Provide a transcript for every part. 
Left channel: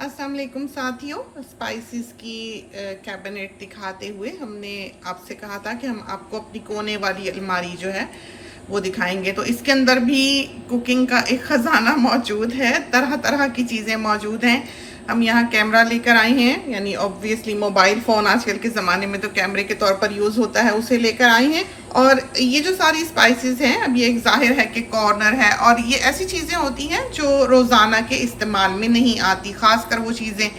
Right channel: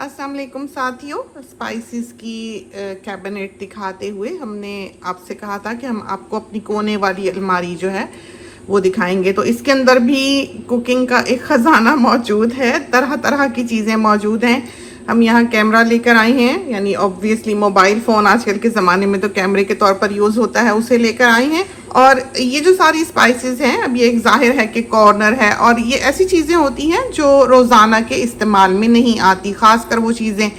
अस्सलाम वालेकुम साथियों, स्पाइसेस की कैबिनेट दिखाते हुए हमने आपसे कहा था कि हम आपको अपनी कोने वाली अलमारी जो है वो दिखाएंगे। तो इसके अंदर भी कुकिंग का एक ख़जाना मौजूद है, तरह तरह की चीज़ें मौजूद हैं। हम यहाँ कैमरा लेकर आए हैं, यानी ऑब्वियसली मोबाइल फ़ोन आजकल के ज़माने में तो कैमरे के तौर पर यूज़ होता है, उसे लेकर आए हैं। और ये जो सारी स्पाइसेस हैं, अब ये एक जाहिर है कि कॉर्नर है और ये ऐसी चीज़ें होती हैं जो रोज़ाना के इस्तेमाल में नहीं आती, ख़ासकर वो चीज़ें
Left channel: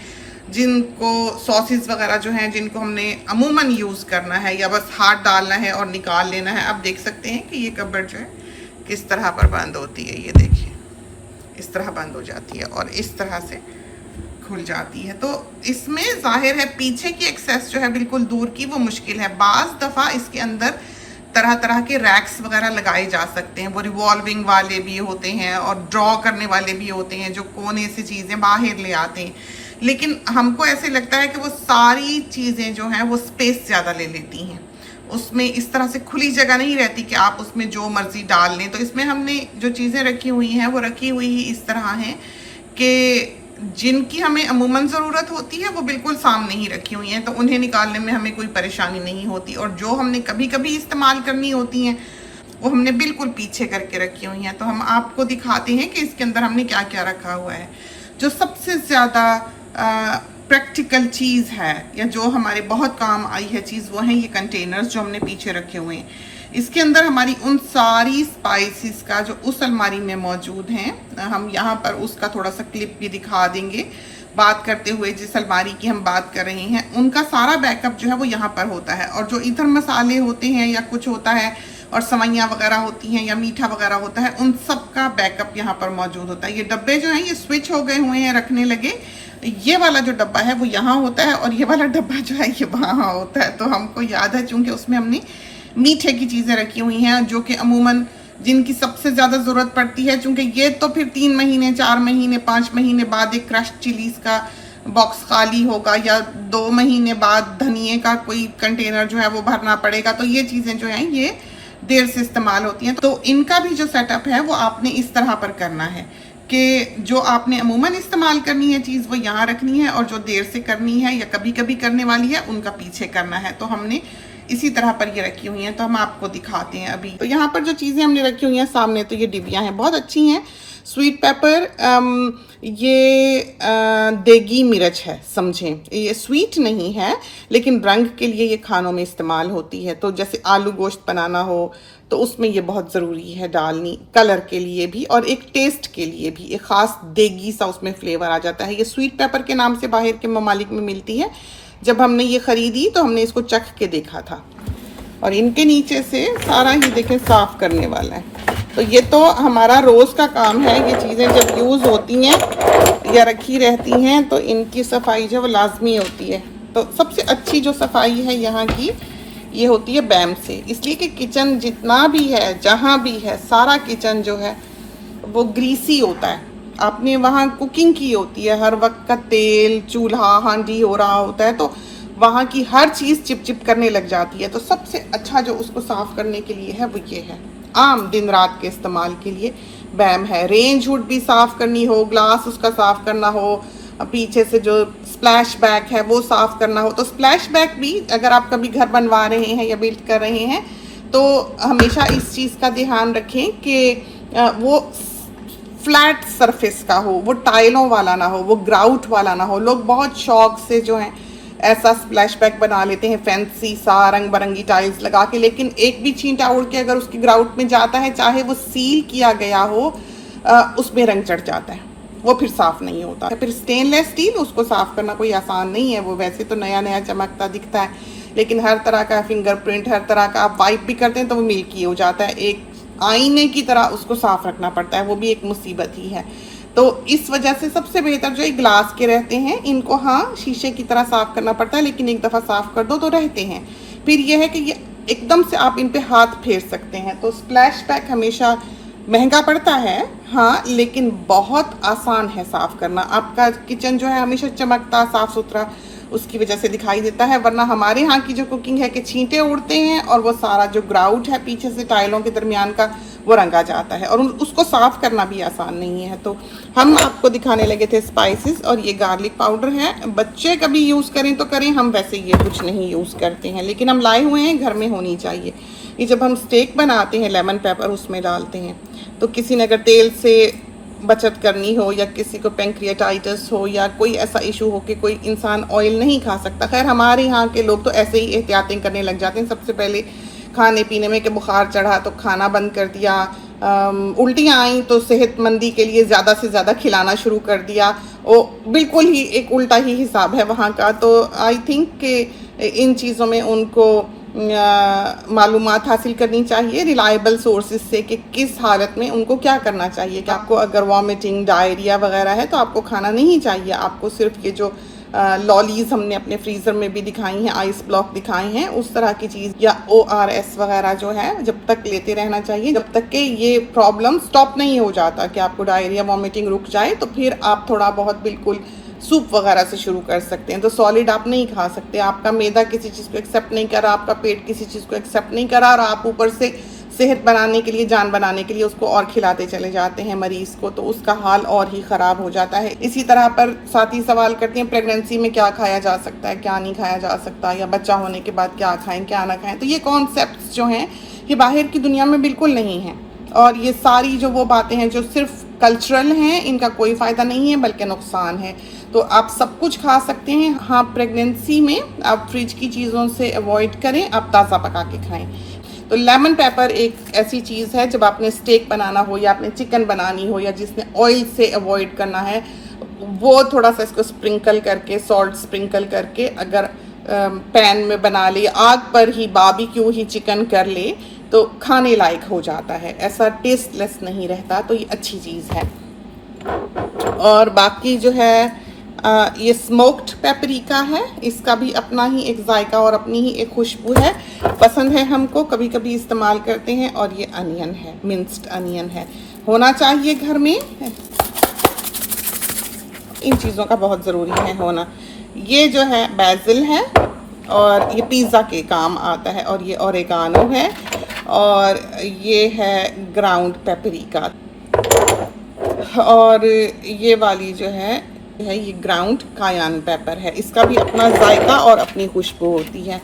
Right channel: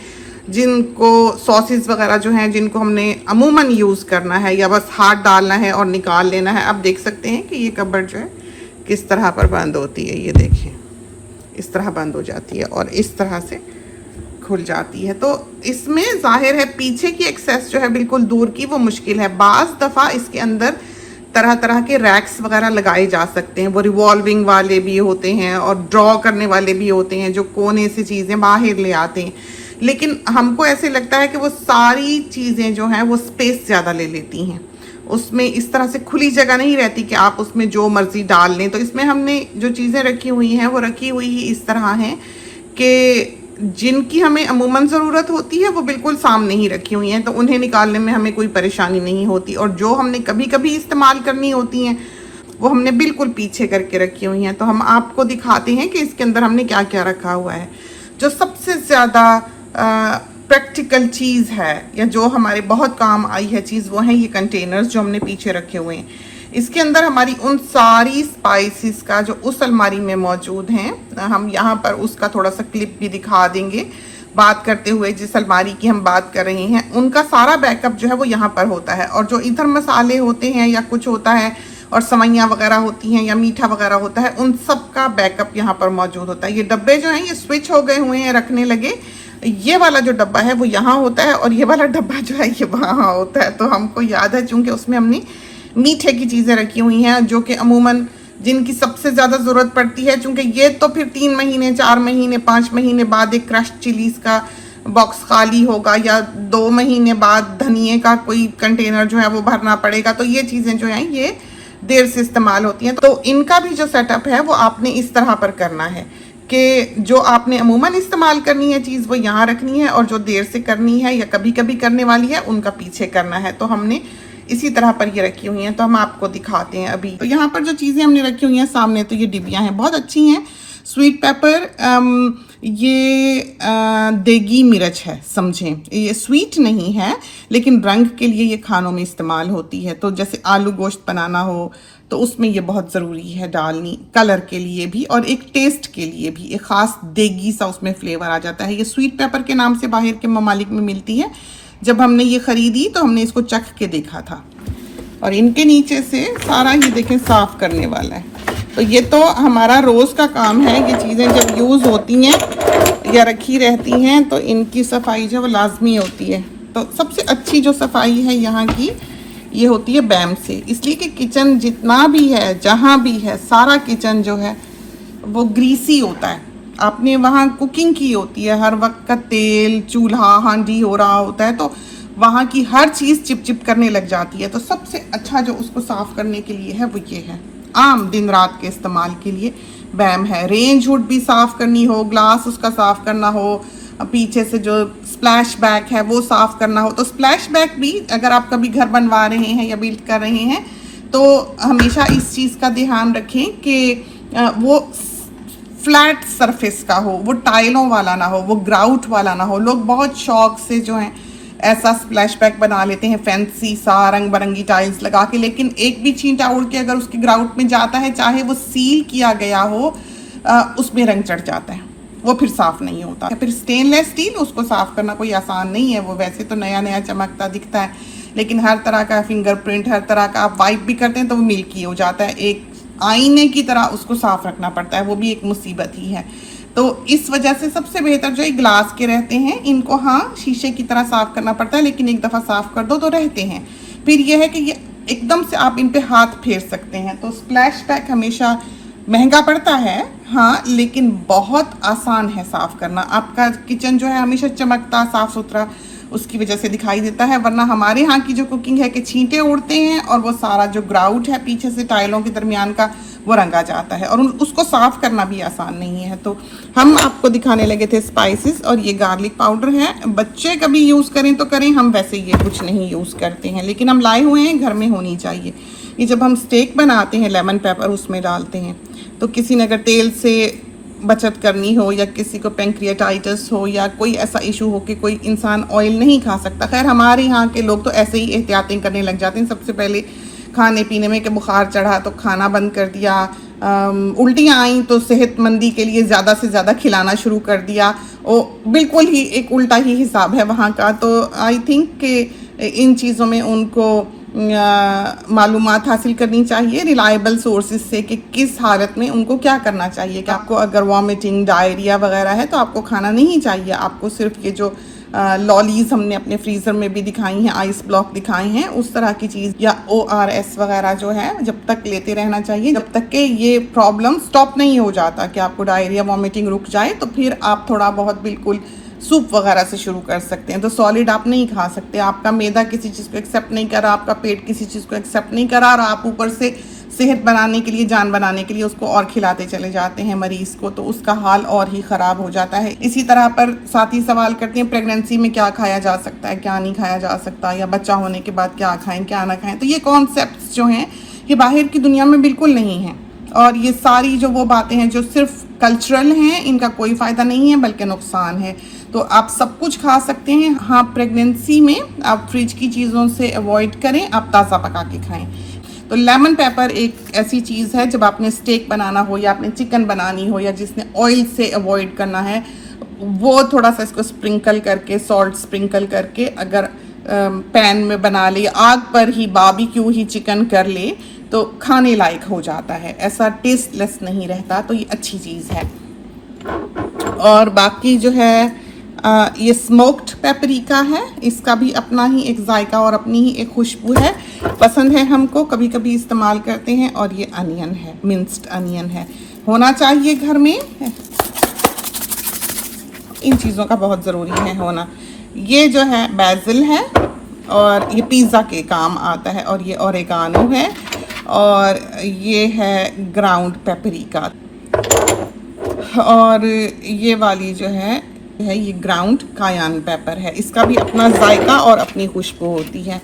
जिनको सॉसेस वगैरह जो हैं जिनको हमने अमूमन यूज़ करना है या बस हाथ डालना है और निकाल लेना है। अब देख सकते हैं कि ये कबर्ड जो है किस तरह पर बंद होती है। ये देखिए, इस तरह बंद हो जाती है और इस तरह से खुल जाती है। तो इसमें जाहिर है पीछे की एक्सेस जो है बिल्कुल दूर की वो मुश्किल है। बाज़ दफ़ा इसके अंदर तरह तरह के रैक्स वगैरह लगाए जा सकते हैं, वो रिवॉल्विंग वाले भी होते हैं और ड्रॉ करने वाले भी होते हैं जो कोने से चीज़ें बाहर ले आते हैं। लेकिन हमको ऐसे लगता है कि वो सारी चीज़ें जो हैं वो स्पेस ज़्यादा ले लेती हैं, उसमें इस तरह से खुली जगह नहीं रहती कि आप उसमें जो मर्ज़ी डाल लें। तो इसमें हमने जो चीज़ें रखी हुई हैं वो रखी हुई ही इस तरह हैं कि जिनकी हमें अमूमन ज़रूरत होती है वो बिल्कुल सामने ही रखी हुई हैं, तो उन्हें निकालने में हमें कोई परेशानी नहीं होती। और जो हमने कभी कभी इस्तेमाल करनी होती हैं वो हमने बिल्कुल पीछे करके रखी हुई हैं। तो हम आपको दिखाते हैं कि इसके अंदर हमने क्या क्या रखा हुआ है। जो सबसे ज़्यादा प्रैक्टिकल चीज़ है या जो हमारे बहुत काम आई है चीज़, वो है ये कंटेनर्स जो हमने पीछे रखे हुए हैं। इसके अंदर हमारी उन सारी स्पाइसेस का जो उस अलमारी में मौजूद हैं, हम यहाँ पर उसका थोड़ा सा क्लिप भी दिखा देंगे। बात करते हुए जिस अलमारी की हम बात कर रही हैं उनका सारा बैकअप जो है वो यहाँ पर होता है। और जो इधर मसाले होते हैं या कुछ होता है और सवैयाँ वगैरह होती हैं या मीठा वगैरह होता है, उन सब का बैकअप यहाँ पर मौजूद होता है। ये डब्बे जो हैं ये स्विच हो गए हुए हैं, रखने लगे। ये वाला जो डब्बा है वो यहाँ होता है और ये वाला डब्बा जो है ये वहाँ होता है। तो हमको याद है चूँकि उसमें हमने मीठे की चीज़ें रखी हुई हैं जो कि अमूमन जिनकी सबसे ज़्यादा ज़रूरत पड़ती है, चूँकि ये तो फिर 3 महीने 4 महीने 5 महीने बाद एक क्रश्ड चिलीज़ का बॉक्स खाली होगा या 2 महीने बाद धनिए का कोई कंटेनर जो है वो भरना पड़ेगा। तो ये चीज़ें जो हैं ये देर से इस्तेमाल होती हैं। तो इनका भी जो सेटअप है वो आपने इस तरह पर करना है कि जो आपने अमूमन इस्तेमाल करनी है चीज़ वो यहाँ रखनी है और जो देर से करनी है या कभी कभी करने वाली है उनका पीछे करना है। तो हमने इसी तरह पर ये रखी हुई हैं, तो हम आपको दिखाते हैं अभी। तो यहाँ पर जो चीज़ें हमने रखी हुई हैं सामने, तो ये डिबियाँ हैं, बहुत अच्छी हैं। स्वीट पेपर, ये देगी मिर्च है, समझें ये स्वीट नहीं है लेकिन रंग के लिए ये खानों में इस्तेमाल होती है। तो जैसे आलू गोश्त बनाना हो तो उसमें ये बहुत ज़रूरी है डालनी, कलर के लिए भी और एक टेस्ट के लिए भी, एक ख़ास देगी सा उसमें फ्लेवर आ जाता है। ये स्वीट पेपर के नाम से बाहर के ममालिक में मिलती है। जब हमने ये ख़रीदी तो हमने इसको चख के देखा था और इनके नीचे से सारा ही देखें साफ़ करने वाला है। तो ये तो हमारा रोज़ का काम है। ये चीज़ें जब यूज़ होती हैं या रखी रहती हैं तो इनकी सफाई जो है वो लाजमी होती है। तो सबसे अच्छी जो सफाई है यहाँ की ये होती है बैम से, इसलिए कि किचन जितना भी है जहाँ भी है सारा किचन जो है वो ग्रीसी होता है। आपने वहाँ कुकिंग की होती है, हर वक्त का तेल चूल्हा हांडी हो रहा होता है, तो वहाँ की हर चीज़ चिपचिप करने लग जाती है। तो सबसे अच्छा जो उसको साफ़ करने के लिए है वो ये है, आम दिन रात के इस्तेमाल के लिए बैम है। रेंज हुड भी साफ़ करनी हो, ग्लास उसका साफ़ करना हो, पीछे से जो स्प्लैश बैक है वो साफ़ करना हो, तो स्प्लैश बैक भी अगर आप कभी घर बनवा रहे हैं या बिल्ड कर रहे हैं तो हमेशा इस चीज़ का ध्यान रखें कि वो फ्लैट सरफेस का हो, वो टाइलों वाला ना हो, वो ग्राउट वाला ना हो। लोग बहुत शौक से जो है ऐसा स्प्लैश बैक बना लेते हैं फैंसी सा रंग बिरंगी टाइल्स लगा के, लेकिन एक भी छींटा उड़ के अगर उसकी ग्राउट में जाता है, चाहे वो सील किया गया हो, उसमें रंग चढ़ जाता है, वो फिर साफ़ नहीं होता। फिर स्टेनलेस स्टील उसको साफ़ करना कोई आसान नहीं है। वो वैसे तो नया नया चमकता दिखता है लेकिन हर तरह का फिंगरप्रिंट, हर तरह का आप वाइप भी करते हैं तो वो मिल्की हो जाता है। एक आईने की तरह उसको साफ रखना पड़ता है, वो भी एक मुसीबत ही है। तो इस वजह से सबसे बेहतर जो ये ग्लास के रहते हैं इनको हाँ शीशे की तरह साफ करना पड़ता है, लेकिन एक दफ़ा साफ कर दो तो रहते हैं। फिर ये है कि ये एकदम से आप इन पे हाथ फेर सकते हैं। तो स्प्लैश बैक हमेशा महंगा पड़ता है हाँ, लेकिन बहुत आसान है साफ करना। आपका किचन जो है हमेशा चमकता साफ सुथरा उसकी वजह से दिखाई देता है। वरना हमारे यहाँ की जो कुकिंग है कि छींटे उड़ते हैं और वो सारा जो ग्राउट है पीछे से टाइलों के दरमियान का वो रंगा जाता है और उसको साफ करना भी आसान नहीं है। तो हम आपको दिखाने लगे थे स्पाइसेस, और ये गार्लिक पाउडर है। बच्चे कभी यूज़ करें तो करें, हम वैसे ये कुछ नहीं यूज़ करते हैं, लेकिन हम लाए हुए हैं, घर में होनी चाहिए। ये जब हम स्टेक बनाते हैं लेमन पेपर उसमें डालते हैं, तो किसी ने अगर तेल से बचत करनी हो या किसी को पेंक्रियाटाइटिस हो या कोई ऐसा इशू हो कि कोई इंसान ऑयल नहीं खा सकता, खैर हमारे यहाँ के लोग तो ऐसे ही एहतियातें करने लग जाते हैं। सबसे पहले खाने पीने में कि बुखार चढ़ा तो खाना बंद कर दिया, उल्टियाँ आई तो सेहतमंदी के लिए ज़्यादा से ज़्यादा खिलाना शुरू कर दिया। वो बिल्कुल ही एक उल्टा ही हिसाब है वहाँ का। तो आई थिंक कि इन चीज़ों में उनको मालूमात हासिल करनी चाहिए रिलायबल सोर्सेज से कि किस हालत में उनको क्या करना चाहिए। कि आपको अगर वॉमिटिंग, डायरिया वगैरह है तो आपको खाना नहीं चाहिए। आपको सिर्फ ये जो लॉलीज हमने अपने फ्रीज़र में भी दिखाई हैं, आइस ब्लॉक दिखाई हैं, उस तरह की चीज़ या ORS वगैरह जो है जब तक लेते रहना चाहिए, जब तक कि ये प्रॉब्लम स्टॉप नहीं हो जाता कि आपको डायरिया वॉमिटिंग रुक जाए, तो फिर आप थोड़ा बहुत बिल्कुल सूप वगैरह से शुरू कर सकते हैं। तो सॉलिड आप नहीं खा सकते, आपका मैदा किसी चीज़ को एक्सेप्ट नहीं कर रहा, आपका पेट किसी चीज़ को एक्सेप्ट नहीं कर रहा, और आप ऊपर से सेहत बनाने के लिए, जान बनाने के लिए उसको और खिलाते चले जाते हैं मरीज को, तो उसका हाल और ही ख़राब हो जाता है। इसी तरह पर साथी सवाल करते हैं प्रेगनेंसी में क्या खाया जा सकता है, क्या नहीं खाया जा सकता, या बच्चा होने के बाद क्या खाएं क्या ना खाएं। तो ये कॉन्सेप्ट्स जो हैं ये बाहर की दुनिया में बिल्कुल नहीं है, और ये सारी जो वो बातें हैं जो सिर्फ कल्चरल हैं, इनका कोई फ़ायदा नहीं है बल्कि नुकसान है। तो आप सब कुछ खा सकते हैं। हाँ, प्रेगनेंसी में आप फ्रिज की चीज़ों से अवॉइड करें, आप ताज़ा पका के खाएं। तो लेमन पेपर एक ऐसी चीज़ है जब आपने स्टेक बनाना हो या आपने चिकन बनानी हो या जिसने ऑयल से अवॉइड करना है, वो थोड़ा सा इसको स्प्रिंकल करके, सॉल्ट स्प्रिंकल करके अगर पैन में बना ले, आग पर ही बारबेक्यू ही चिकन कर ले, तो खाने लायक हो जाता है, ऐसा टेस्टलेस नहीं रहता। तो ये अच्छी चीज़ है। और बाकी जो है ये स्मोक्ड पेपरिका है, इसका भी अपना ही एक जायका और अपनी ही एक खुशबू है, पसंद है हमको, कभी कभी इस्तेमाल करते हैं। और ये अनियन है, मिंस्ड अनियन है, होना चाहिए घर में, इन चीज़ों का बहुत ज़रूरी है होना। ये जो है बेसिल है और ये पिज़्ज़ा के काम आता है, और ये ओरेगानो है, और ये है ग्राउंड पेपरिका, और ये वाली जो है ये ग्राउंड कायन पेपर है, इसका भी अपना जायका और अपनी खुशबू होती है।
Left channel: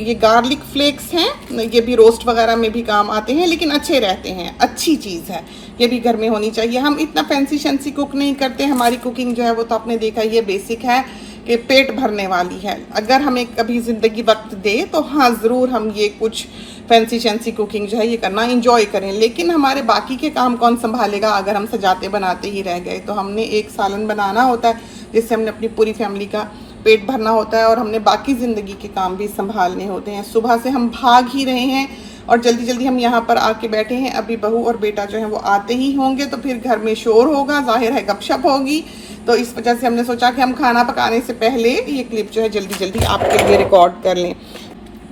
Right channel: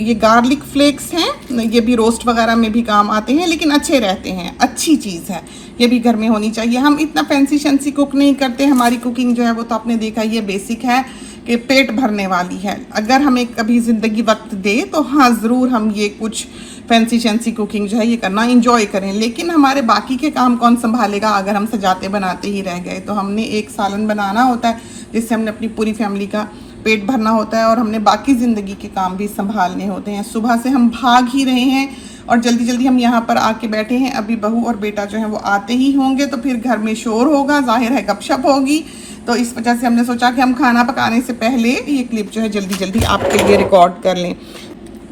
ये गार्लिक फ्लेक्स हैं, ये भी रोस्ट वगैरह में भी काम आते हैं, लेकिन अच्छे रहते हैं, अच्छी चीज़ है, ये भी घर में होनी चाहिए। हम इतना फैंसी शैंसी कुक नहीं करते, हमारी कुकिंग जो है वो तो आपने देखा ये बेसिक है कि पेट भरने वाली है। अगर हमें कभी ज़िंदगी वक्त दे तो हाँ ज़रूर हम ये कुछ फैंसी शैंसी कुकिंग जो है ये करना इंजॉय करें, लेकिन हमारे बाकी के काम कौन संभालेगा अगर हम सजाते बनाते ही रह गए। तो हमने एक सालन बनाना होता है जिससे हमने अपनी पूरी फैमिली का पेट भरना होता है, और हमने बाकी ज़िंदगी के काम भी संभालने होते हैं। सुबह से हम भाग ही रहे हैं और जल्दी जल्दी हम यहाँ पर आके बैठे हैं, अभी बहू और बेटा जो है वो आते ही होंगे, तो फिर घर में शोर होगा, जाहिर है गपशप होगी। तो इस वजह से हमने सोचा कि हम खाना पकाने से पहले ये क्लिप जो है जल्दी जल्दी आपके लिए रिकॉर्ड कर लें।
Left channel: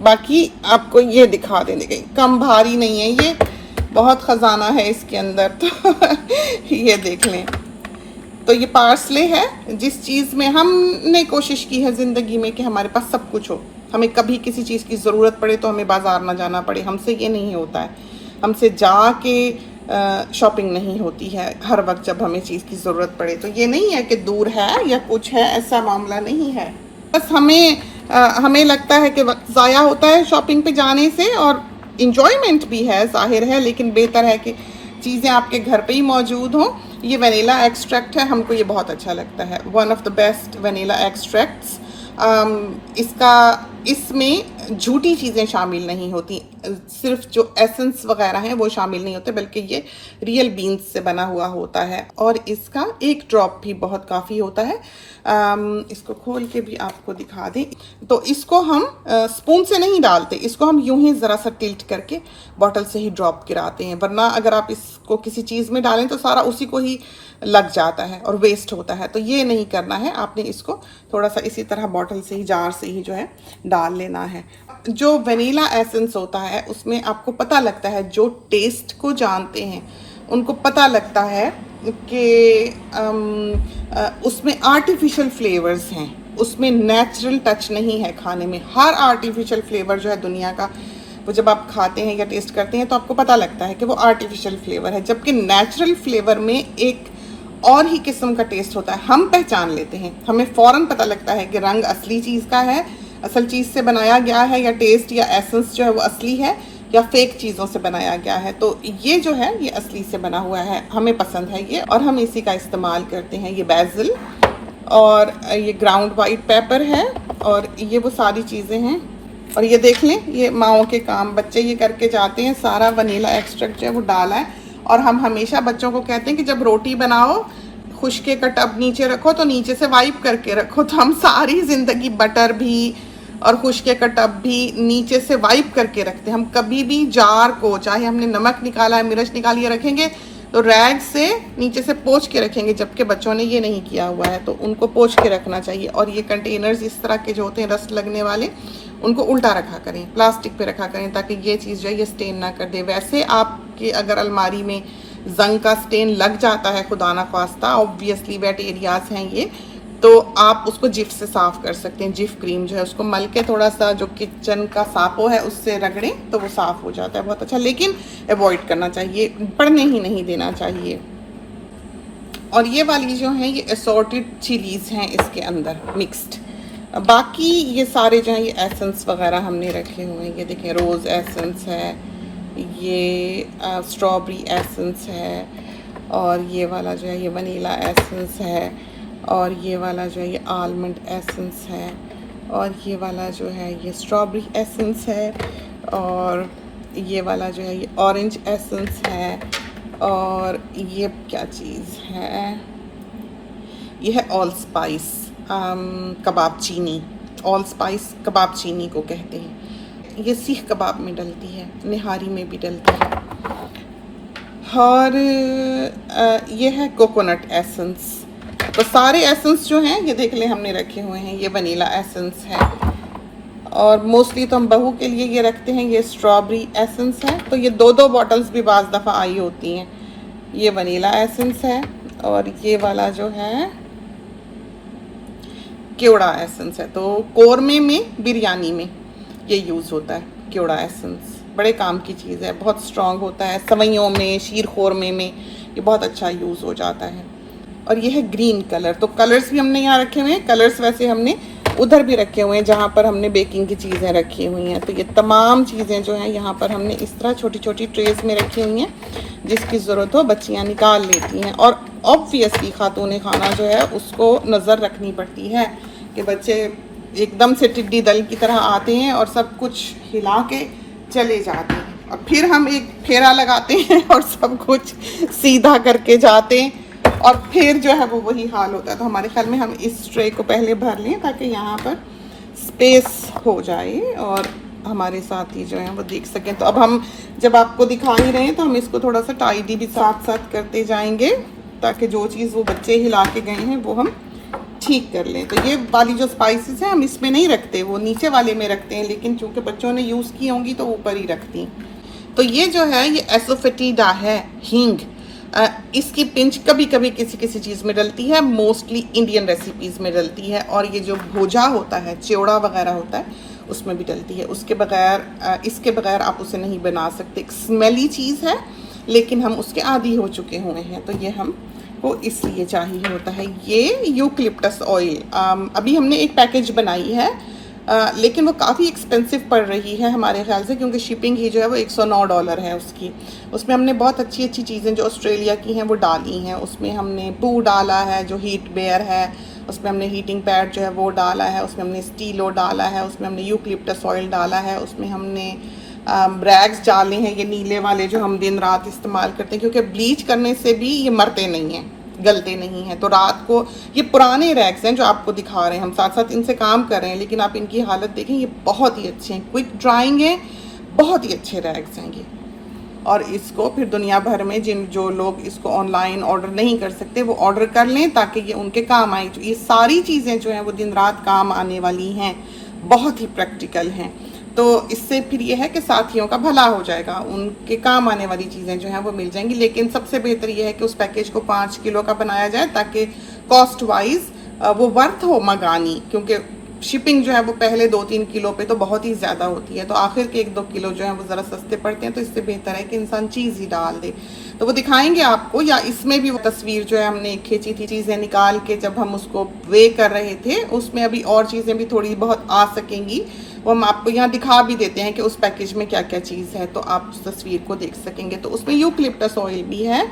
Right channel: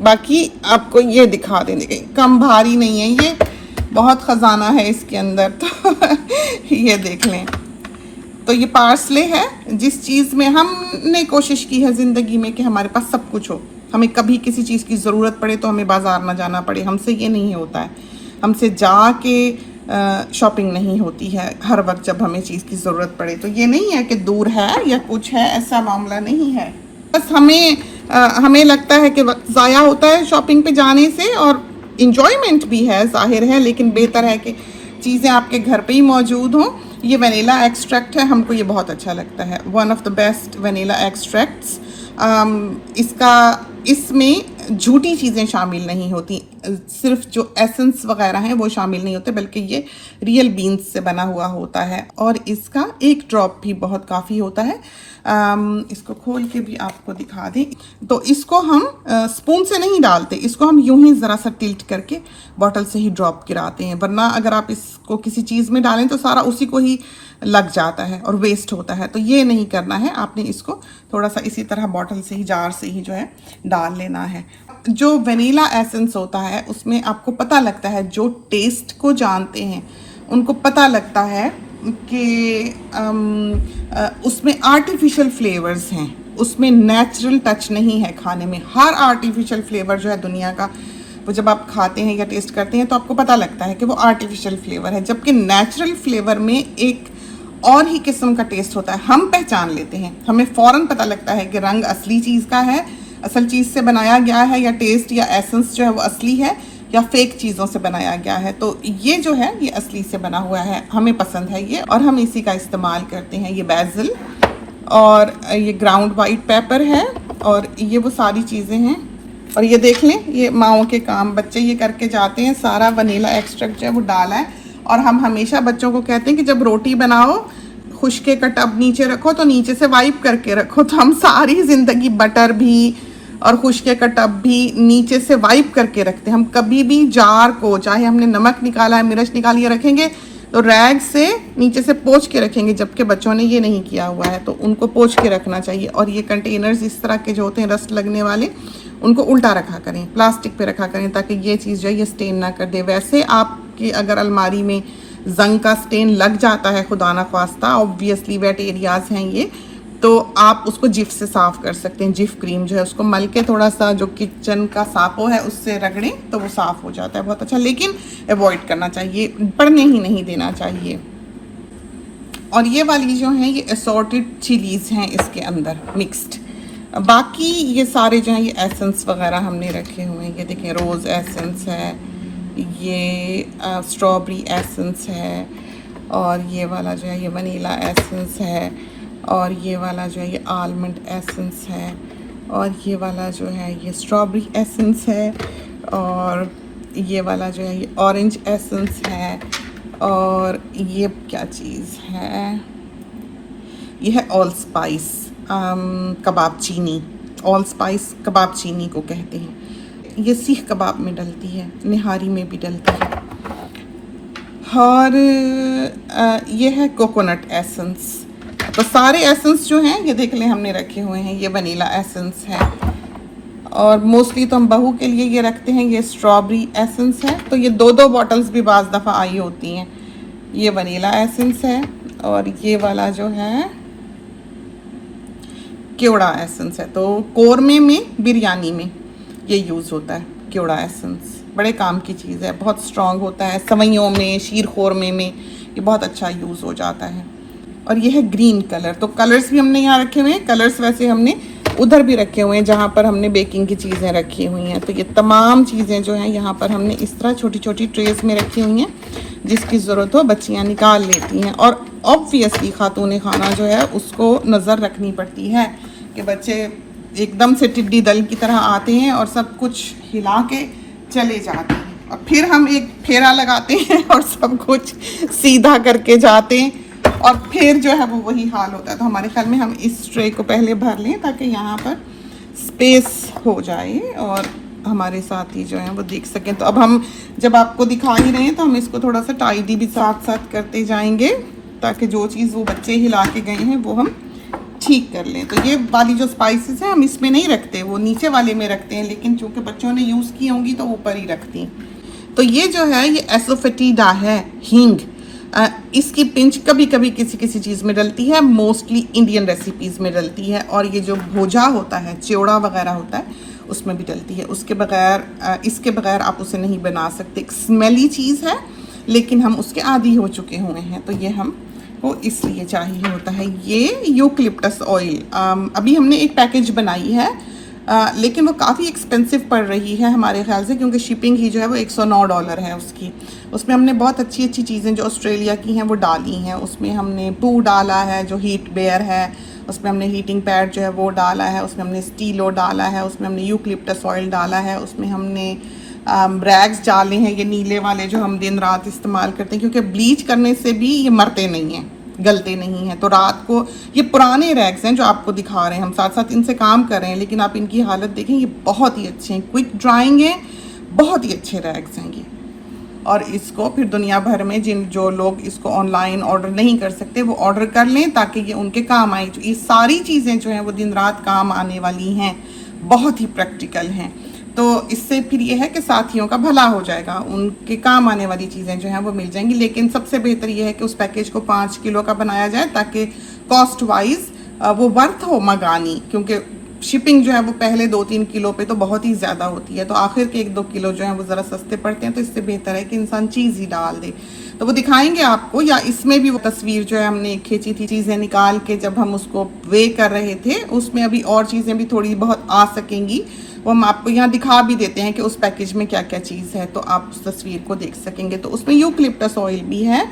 बाकी आपको ये दिखा देंगे, कम भारी नहीं है ये, बहुत ख़जाना है इसके अंदर, तो ये देख लें। तो ये पार्सले है, जिस चीज़ में हमने कोशिश की है ज़िंदगी में कि हमारे पास सब कुछ हो, हमें कभी किसी चीज़ की ज़रूरत पड़े तो हमें बाज़ार ना जाना पड़े। हमसे ये नहीं होता है, हमसे जाके शॉपिंग नहीं होती है हर वक्त जब हमें चीज़ की ज़रूरत पड़े। तो ये नहीं है कि दूर है या कुछ है, ऐसा मामला नहीं है। बस हमें लगता है कि वक्त ज़ाया होता है शॉपिंग पे जाने से, और इन्जॉयमेंट भी है जाहिर है, लेकिन बेहतर है कि चीज़ें आपके घर पे ही मौजूद हों। ये वनीला एक्सट्रैक्ट है, हमको ये बहुत अच्छा लगता है, one of the best vanilla extracts. इसमें झूठी चीज़ें शामिल नहीं होती, सिर्फ जो एसेंस वगैरह हैं वो शामिल नहीं होते, बल्कि ये रियल बीन्स से बना हुआ होता है, और इसका एक ड्रॉप भी बहुत काफ़ी होता है। इसको खोल के भी आपको दिखा दें, तो इसको हम स्पून से नहीं डालते, इसको हम यूं ही ज़रा सा टिल्ट करके बॉटल से ही ड्रॉप गिराते हैं, वरना अगर आप इसको किसी चीज़ में डालें तो सारा उसी को ही लग जाता है और वेस्ट होता है। तो ये नहीं करना है, आपने इसको थोड़ा सा इसी तरह बॉटल से ही, जार से ही जो है डाल लेना है। जो वनीला एसेंस होता है उसमें आपको पता लगता है, जो टेस्ट को जानते हैं उनको पता लगता है कि उसमें आर्टिफिशियल फ्लेवर्स हैं, उसमें नेचुरल टच नहीं है खाने में। हर आर्टिफिशियल फ्लेवर जो है दुनिया का वो जब आप खाते हैं या टेस्ट करते हैं तो आपको पता लगता है कि वो आर्टिफिशियल फ्लेवर है, जबकि नेचुरल फ्लेवर में एक और ही किस्म का टेस्ट होता है। हम पहचान लेते हैं, हमें फौरन पता लगता है कि रंग असली चीज़ का है, असल चीज़ से बनाया गया है, या टेस्ट या एसेंस जो है वो असली है या फेक चीज़ों से बनाया गया है। तो ये जो है ये असली से बना हुआ है, हमें पसंद है ये, और हम इसी का इस्तेमाल करते हैं। ये बैजिल और ये ग्राउंड वाइट पेपर है, और ये वो सारी चीज़ें हैं। और ये देख लें, ये माओ के काम, बच्चे ये करके जाते हैं, सारा वनीला एक्सट्रैक्ट जो है वो डाला है। और हम हमेशा बच्चों को कहते हैं कि जब रोटी बनाओ खुश्के का टब नीचे रखो, तो नीचे से वाइप करके रखो। तो हम सारी ज़िंदगी बटर भी और खुश्के का टब भी नीचे से वाइप करके रखते हैं। हम कभी भी जार को, चाहे हमने नमक निकाला है, मिर्च निकाली है, रखेंगे तो रैग से नीचे से पोंछ के रखेंगे, जबकि बच्चों ने ये नहीं किया हुआ है, तो उनको पोंछ के रखना चाहिए। और ये कंटेनर्स इस तरह के जो होते हैं रस्ट लगने वाले, उनको उल्टा रखा करें, प्लास्टिक पे रखा करें, ताकि ये चीज़ जो है ये स्टेन ना कर दे। वैसे आपकी अगर अलमारी में जंग का स्टेन लग जाता है, खुदा ना ख्वास्ता, ऑब्वियसली वेट एरियाज हैं ये, तो आप उसको जिफ से साफ़ कर सकते हैं। जिफ क्रीम जो है उसको मल के थोड़ा सा जो किचन का सापो है उससे रगड़ें तो वो साफ़ हो जाता है बहुत अच्छा, लेकिन अवॉइड करना चाहिए, पड़ने ही नहीं देना चाहिए। और ये वाली जो है ये असॉर्टेड चिलीज़ हैं इसके अंदर मिक्स्ड। बाकी ये सारे जो हैं ये एसेंस वगैरह हमने रखे हुए हैं। ये देखिए रोज़ एसेंस है, ये स्ट्रॉबेरी एसेंस है, और ये वाला जो है ये वनीला एसेंस है, और ये वाला जो है ये आलमंड एसेंस है, और ये वाला जो है ये स्ट्रॉबेरी एसेंस है, और ये वाला जो है ये ऑरेंज एसेंस है, और ये क्या चीज़ है, ये है ऑल स्पाइस कबाब चीनी। ऑल स्पाइस कबाब चीनी को कहते हैं। ये सीख कबाब में डलती है, निहारी में भी डलती है। और ये है कोकोनट एसेंस। तो सारे एसेंस जो हैं ये देख लें हमने रखे हुए हैं। ये वनीला एसेंस है, और मोस्टली तो हम बहू के लिए ये रखते हैं। ये स्ट्रॉबेरी एसेंस है, तो ये 2-2 बॉटल्स भी बाज़ दफ़ा आई होती हैं। ये वनीला एसेंस है, और ये वाला जो है केवड़ा एसेंस है। तो कोरमे में, बिरयानी में ये यूज़ होता है केवड़ा एसेंस, बड़े काम की चीज़ है, बहुत स्ट्रॉन्ग होता है। सवैयों में, शीर खोरमे में ये बहुत अच्छा यूज़ हो जाता है। और ये है ग्रीन कलर। तो कलर्स भी हमने यहाँ रखे हुए हैं। कलर्स वैसे हमने उधर भी रखे हुए हैं जहाँ पर हमने बेकिंग की चीज़ें रखी हुई हैं। तो ये तमाम चीज़ें जो हैं यहाँ पर हमने इस तरह छोटी छोटी ट्रेस में रखी हुई हैं, जिसकी ज़रूरत हो बच्चियाँ निकाल लेती हैं। और ऑब्वियसली खातून खाना जो है उसको नज़र रखनी पड़ती है कि बच्चे एकदम से टिड्डी दल की तरह आते हैं और सब कुछ हिला के चले जाते हैं। अब फिर हम एक फेरा लगाते हैं और सब कुछ सीधा करके जाते हैं, और फिर जो है वो वही हाल होता है। तो हमारे ख्याल में हम इस ट्रे को पहले भर लें ताकि यहाँ पर स्पेस हो जाए और हमारे साथी जो हैं वो देख सकें। तो अब हम जब आपको दिखा ही रहे हैं तो हम इसको थोड़ा सा टाइडी भी साथ साथ करते जाएंगे, ताकि जो चीज़ वो बच्चे हिला के गए हैं वो हम ठीक कर लें। तो ये वाली जो स्पाइसेस हैं हम इसमें नहीं रखते, वो नीचे वाले में रखते हैं, लेकिन चूँकि बच्चों ने यूज़ की होंगी तो ऊपर ही रखती। तो ये जो है ये एसोफेटिडा है, हींग। इसकी पिंच कभी कभी किसी किसी चीज़ में डलती है, मोस्टली इंडियन रेसिपीज़ में डलती है। और ये जो भोजा होता है, चिवड़ा वगैरह होता है, उसमें भी डलती है। उसके बगैर इसके बगैर आप उसे नहीं बना सकते। एक स्मेली चीज़ है, लेकिन हम उसके आदी हो चुके हुए हैं, तो ये हम वो इसलिए चाहिए होता है। ये यूकलिप्टस ऑयल, अभी हमने एक पैकेज बनाई है, लेकिन वो काफ़ी एक्सपेंसिव पड़ रही है हमारे ख्याल से, क्योंकि शिपिंग ही जो है वो $109 है उसकी। उसमें हमने बहुत अच्छी अच्छी चीज़ें जो ऑस्ट्रेलिया की हैं वो डाली हैं। उसमें हमने पू डाला है जो हीट बेयर है, उसमें हमने हीटिंग पैड जो है वो डाला है, उसमें हमने स्टीलो डाला है, उसमें हमने यूकलिप्टस ऑयल डाला है, उसमें हमने रैग्स डाले हैं, ये नीले वाले जो हम दिन रात इस्तेमाल करते हैं, क्योंकि ब्लीच करने से भी ये मरते नहीं हैं, गलते नहीं हैं। तो रात को ये पुराने रैग्स हैं जो आपको दिखा रहे हैं, हम साथ साथ इनसे काम कर रहे हैं, लेकिन आप इनकी हालत देखें, ये बहुत ही अच्छे हैं, क्विक ड्राइंग है, बहुत ही अच्छे रैग्स हैं ये। और इसको फिर दुनिया भर में जो लोग इसको ऑनलाइन ऑर्डर नहीं कर सकते वो ऑर्डर कर लें, ताकि ये उनके काम आए। ये सारी चीज़ें जो हैं वो दिन रात काम आने वाली हैं, बहुत ही प्रैक्टिकल हैं। तो इससे फिर ये है कि साथियों का भला हो जाएगा, उनके काम आने वाली चीज़ें जो हैं वो मिल जाएंगी। लेकिन सबसे बेहतर ये है कि उस पैकेज को 5 किलो का बनाया जाए, ताकि कॉस्ट वाइज वो वर्थ हो मंगानी, क्योंकि शिपिंग जो है वो पहले 2-3 किलो पे तो बहुत ही ज़्यादा होती है, तो आखिर के 1-2 किलो जो है वो ज़रा सस्ते पड़ते हैं, तो इससे बेहतर है कि इंसान चीज़ ही डाल दे। तो वो दिखाएंगे आपको, या इसमें भी वो तस्वीर जो है हमने खींची थी चीज़ें निकाल के जब हम उसको वे कर रहे थे, उसमें अभी और चीज़ें भी थोड़ी बहुत आ सकेंगी, वो हम आपको यहाँ दिखा भी देते हैं कि उस पैकेज में क्या क्या चीज़ है, तो आप उस तस्वीर को देख सकेंगे। तो उसमें यूकलिप्टस ऑयल भी है,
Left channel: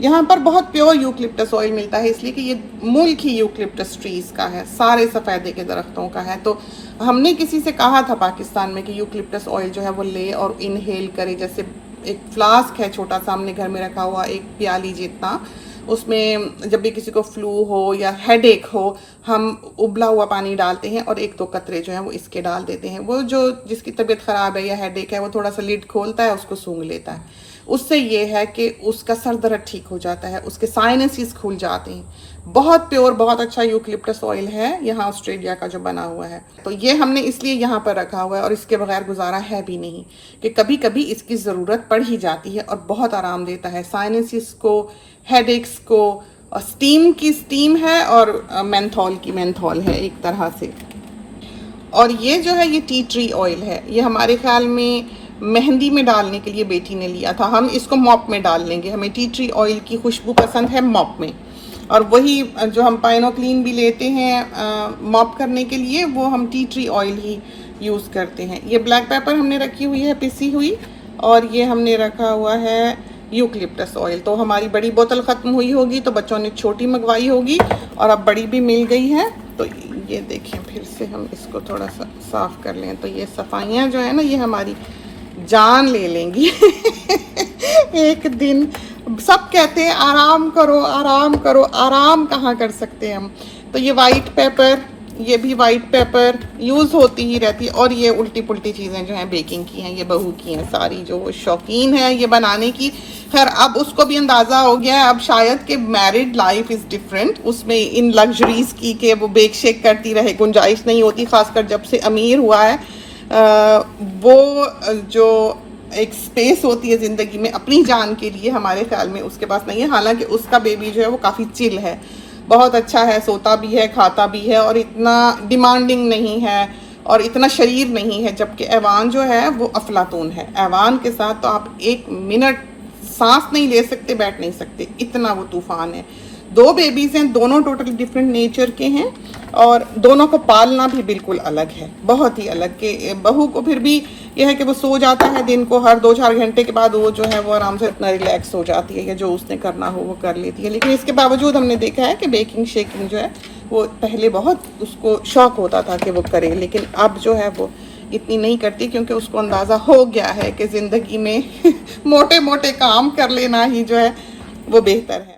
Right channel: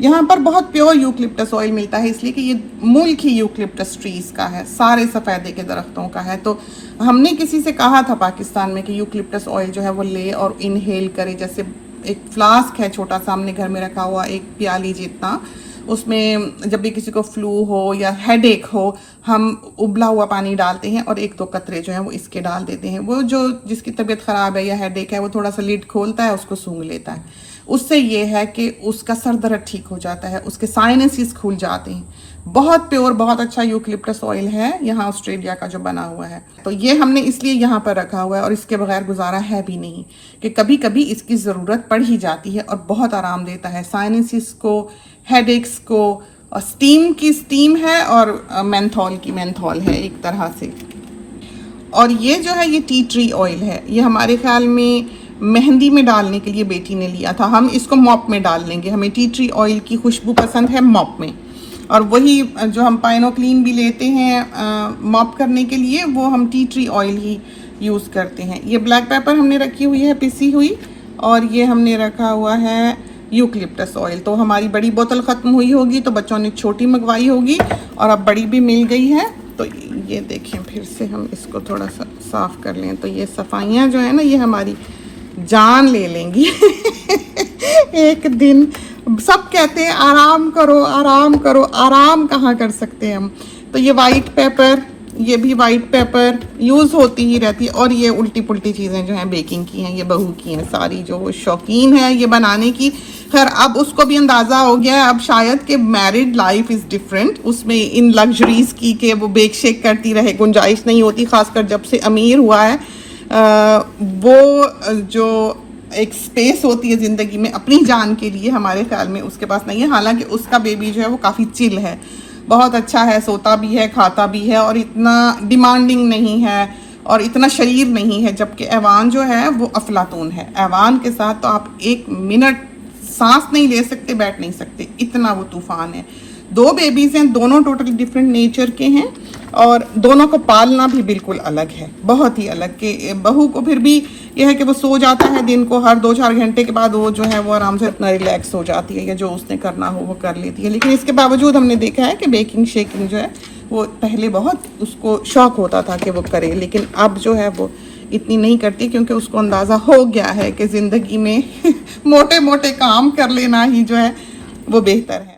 यहाँ पर बहुत प्योर यूकलिप्टस ऑयल मिलता है, इसलिए कि ये मुल्क ही यूकलिप्टस ट्रीज का है, सारे सफ़ेदे के दरख्तों का है। तो हमने किसी से कहा था पाकिस्तान में कि यूकलिप्टस ऑयल जो है वो ले और इनहेल करे, जैसे एक फ्लास्क है छोटा सा हमने घर में रखा हुआ, एक प्याली जितना, उसमें जब भी किसी को फ्लू हो या हेडेक हो हम उबला हुआ पानी डालते हैं और 1-2 कतरे जो हैं वो इसके डाल देते हैं। वो जो जिसकी तबीयत ख़राब है या हेडेक है वो थोड़ा सा लिड खोलता है, उसको सूंघ लेता है, उससे ये है कि उसका सर दर्द ठीक हो जाता है, उसके साइनसेस खुल जाते हैं। बहुत प्योर बहुत अच्छा यूकलिप्टस ऑयल है यहाँ ऑस्ट्रेलिया का जो बना हुआ है, तो ये हमने इसलिए यहाँ पर रखा हुआ है और इसके बगैर गुजारा है भी नहीं, कि कभी कभी इसकी ज़रूरत पड़ ही जाती है और बहुत आराम देता है साइनसेस को, हेडेक्स को। स्टीम की स्टीम है और मेंथॉल की मेंथॉल है एक तरह से। और ये जो है ये टी ट्री ऑयल है, ये हमारे ख्याल में मेहंदी में डालने के लिए बेटी ने लिया था, हम इसको मॉप में डाल लेंगे, हमें टी ट्री ऑयल की खुशबू पसंद है मॉप में। और वही जो हम पाइनो क्लीन भी लेते हैं मॉप करने के लिए, वो हम टी ट्री ऑयल ही यूज़ करते हैं। ये ब्लैक पेपर हमने रखी हुई है पिसी हुई, और ये हमने रखा हुआ है यूकलिप्टस ऑयल। तो हमारी बड़ी बोतल ख़त्म हुई होगी तो बच्चों ने छोटी मंगवाई होगी और अब बड़ी भी मिल गई है। तो ये देखिए फिर से हम इसको थोड़ा सा साफ़ कर लें, तो ये सफाइयाँ जो है ना ये हमारी जान ले लेंगी एक दिन। सब कहते हैं आराम करो आराम करो, आराम कहाँ कर सकते हैं हम। तो ये वाइट पेपर, ये भी वाइट पेपर यूज़ होती ही रहती है। और ये उल्टी पुल्टी चीज़ें जो हैं बेकिंग की हैं, ये बहू की हैं सारी, जो वो शौकीन है ये बनाने की। खैर अब उसको भी अंदाज़ा हो गया है अब शायद कि मैरिड लाइफ इज़ डिफरेंट, उसमें इन लग्जरीज़ की कि वो बेक शेक करती रहे गुंजाइश नहीं होती, खासकर जब से अमीर हुआ है। वो जो एक स्पेस होती है ज़िंदगी में अपनी जान के लिए हमारे ख्याल में उसके पास नहीं है। हालांकि उसका बेबी जो है वो काफ़ी चिल है, बहुत अच्छा है, सोता भी है खाता भी है और इतना डिमांडिंग नहीं है और इतना शरीर नहीं है। जबकि ऐवान जो है वो अफलातून है, ऐवान के साथ तो आप 1 मिनट सांस नहीं ले सकते, बैठ नहीं सकते, इतना वो तूफान है। 2 बेबीज़ हैं, दोनों टोटली डिफरेंट नेचर के हैं और दोनों को पालना भी बिल्कुल अलग है, बहुत ही अलग। के बहू को फिर भी यह है कि वो सो जाता है दिन को, हर 2-4 घंटे के बाद वो जो है वो आराम से इतना रिलैक्स हो जाती है, या जो उसने करना हो वो कर लेती है। लेकिन इसके बावजूद हमने देखा है कि बेकिंग शेकिंग जो है वो पहले बहुत उसको शौक होता था कि वो करे, लेकिन अब जो है वो इतनी नहीं करती, क्योंकि उसको अंदाज़ा हो गया है कि ज़िंदगी में मोटे मोटे काम कर लेना ही जो है वो बेहतर है।